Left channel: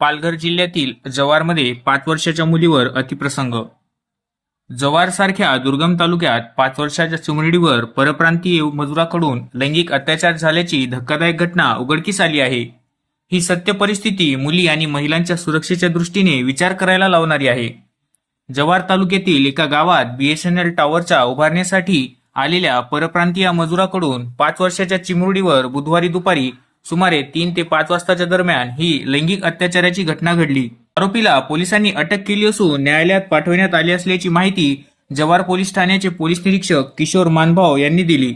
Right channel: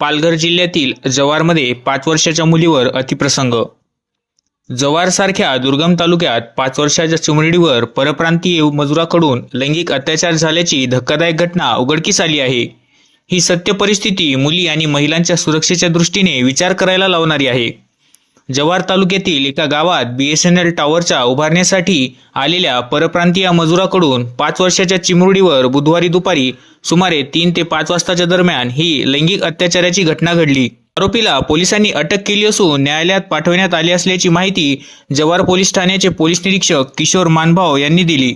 पालघर जिल्ह्यातील जव्हारमध्ये पाच वर्षाच्या मुलीवर अतिप्रसंग. जव्हारसारख्या दुर्गम तालुक्यात पाच वर्षाच्या चिमुरडीवर परप्रांतीय मजुराकडून लैंगिक अत्याचार झाल्याची धक्कादायक घटना उघडकीस आली आहे. ही सत्य परिस्थिती मुली आणि महिलांच्या सुरक्षेच्या दृष्टीने विचार करायला लावणारी आहे. जव्हार तालुक्यातील एका गावात बीएसएनएल टॉवरच्या उभारण्यासाठी आलेल्या परप्रांतीय मजुराकडून पाच वर्षाच्या चिमुरडीवर बुधवारी दुपारी सुमारे तीन ते पाच वाजताच्या दरम्यान ही लैंगिक अत्याचाराची घटना घडली. आरोपीला पोलिसांनी अटक केली असून न्यायालयात पाठवण्यात आली असल्याची माहिती जव्हार पोलीस ठाण्याचे पोलीस निरीक्षक किशोर मानभाव यांनी दिली.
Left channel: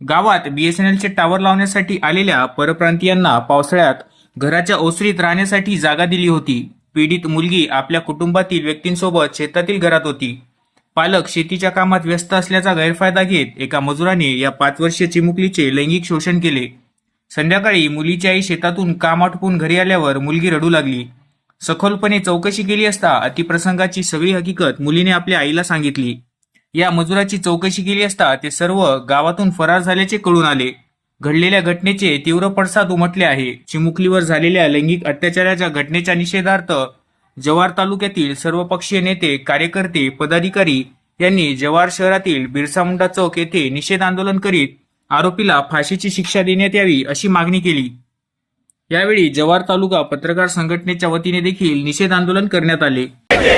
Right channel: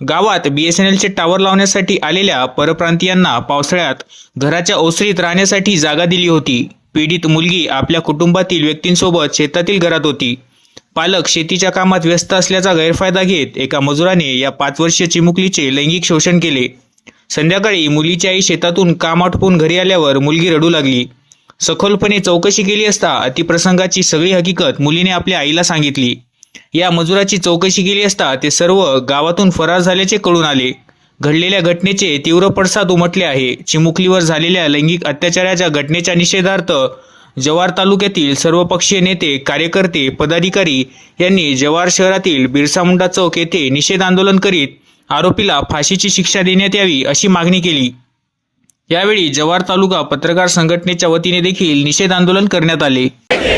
गावात बीएसएनएलचे टावर लावण्यासाठी आलेल्या परप्रांतीयांना पावसाळ्यात घराच्या ओसरीत राहण्यासाठी जागा दिली होती. पीडित मुलगी आपल्या कुटुंबातील व्यक्तींसोबत शेतातील घरात होती. पालक शेतीच्या कामात व्यस्त असल्याचा गैरफायदा घेत एका मजुराने या पाच वर्षीय चिमुकलीचे लैंगिक शोषण केले. संध्याकाळी मुलीची आई शेतातून काम आटपून घरी आल्यावर मुलगी रडू लागली. सखोलपणे चौकशी केली असता अतिप्रसंगाची सगळी हकीकत मुलीने आपल्या आईला सांगितली. या मजुराची चौकशी केली असता ते सर्व गावातून फरार झाल्याचे कळून आले. घडलेल्या घटनेचे तीव्र पडसाद उमटले आहे. चिमुकलीवर झालेल्या लैंगिक अत्याचाराच्या घटनेच्या निषेधार्थ जव्हार तालुक्यातील सर्वपक्षीय नेते कार्यकर्ते पदाधिकारी यांनी जव्हार शहरातील बिरसा मुंडा चौक येथे निषेध आंदोलन करीत आरोपीला फाशीची शिक्षा देण्यात यावी अशी मागणी केली. यावेळी जव्हार तालुका पत्रकार संघटनेच्या वतीने देखील निषेध आंदोलन करण्यात आले.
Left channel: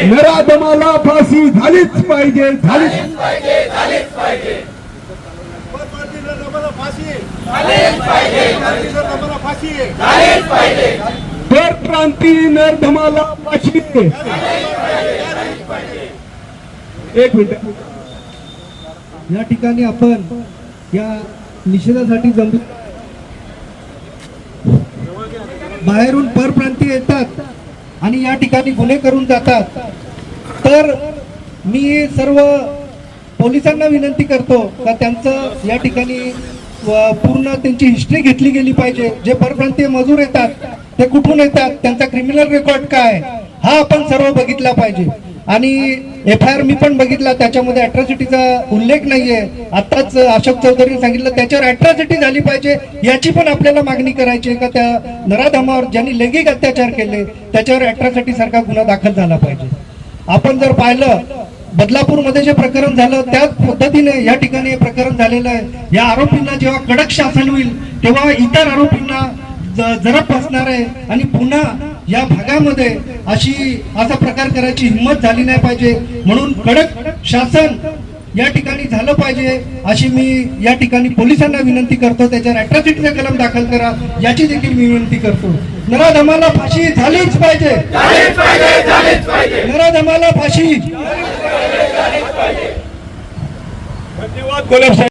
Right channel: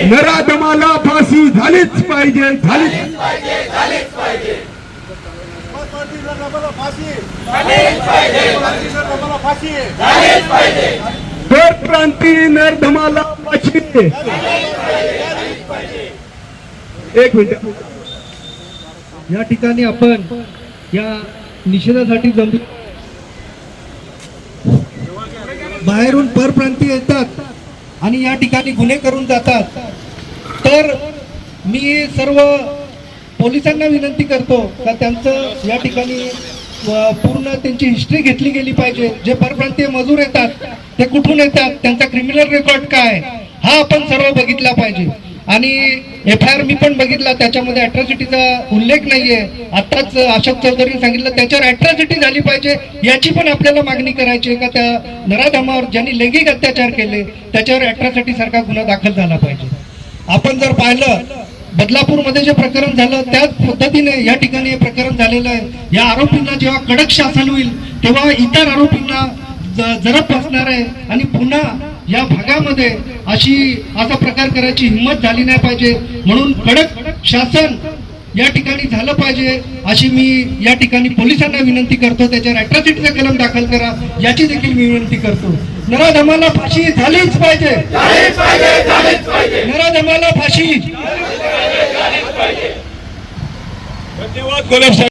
नराधमाला फाशी झालीच पाहिजे झालीच नरधमाला एक मिनिट. या ठिकाणी आपण या निषेधासाठी जमली बाहेरून परप्रांतीय येतात आणि या ठिकाणी गुन्हे करून जातात. तर मी सर्व पोलिसांना विनंती करतो का त्यांचं या ठिकाणी पूर्ण त्यांची हिस्ट्री घेतली गेली पाहिजे. जे परप्रांतीय मजूर येतात ते कुठून येतात त्यांचा क्रिमिनल रेकॉर्ड काय? हा आपण सर्व बघितला पाहिजे. आणि एफ आय आर मी पण बघितला त्याच्यामध्ये अट्रॉसिटीचा उल्लेख नाहीये. आताच अशोक चौधरीने सांगितलं त्याच्यावर अट्रॉसिटी झाली पाहिजे याची पण आपल्याला मागणी करायची आहे का? त्या नराधमावर ज्यांनी लैंगिक अत्याचार केले त्याच्यावर अट्रॉसिटी सारखा गुन्हा दाखल झाला पाहिजे. आपण जर पाहिलं बदलापूरमध्ये जे प्रकरण झालं त्याच पद्धतीने या ठिकाणी हे प्रकरण झालेलं आहे. या आरोपींना जेव्हा कडक शासन होईल तेव्हा इतर आरोपींना ज- जरब बसणार आहे. आणि पुन्हा या भागामध्ये अशी असा प्रकार करायची हिंमत झाली नाही पाहिजे. म्हणून कडक शासन या ठिकाणी झालं पाहिजे. अशी मी या ठिकाणी पोलिसांना विनंती करतो. त्याच्यावर अट्रॉसिटीचा कलम दाखल करा. याची देखील मी विनंती करतो. नराधमाला फाशी झालीच पाहिजे. नराधमाला फाशी. धन्यवाद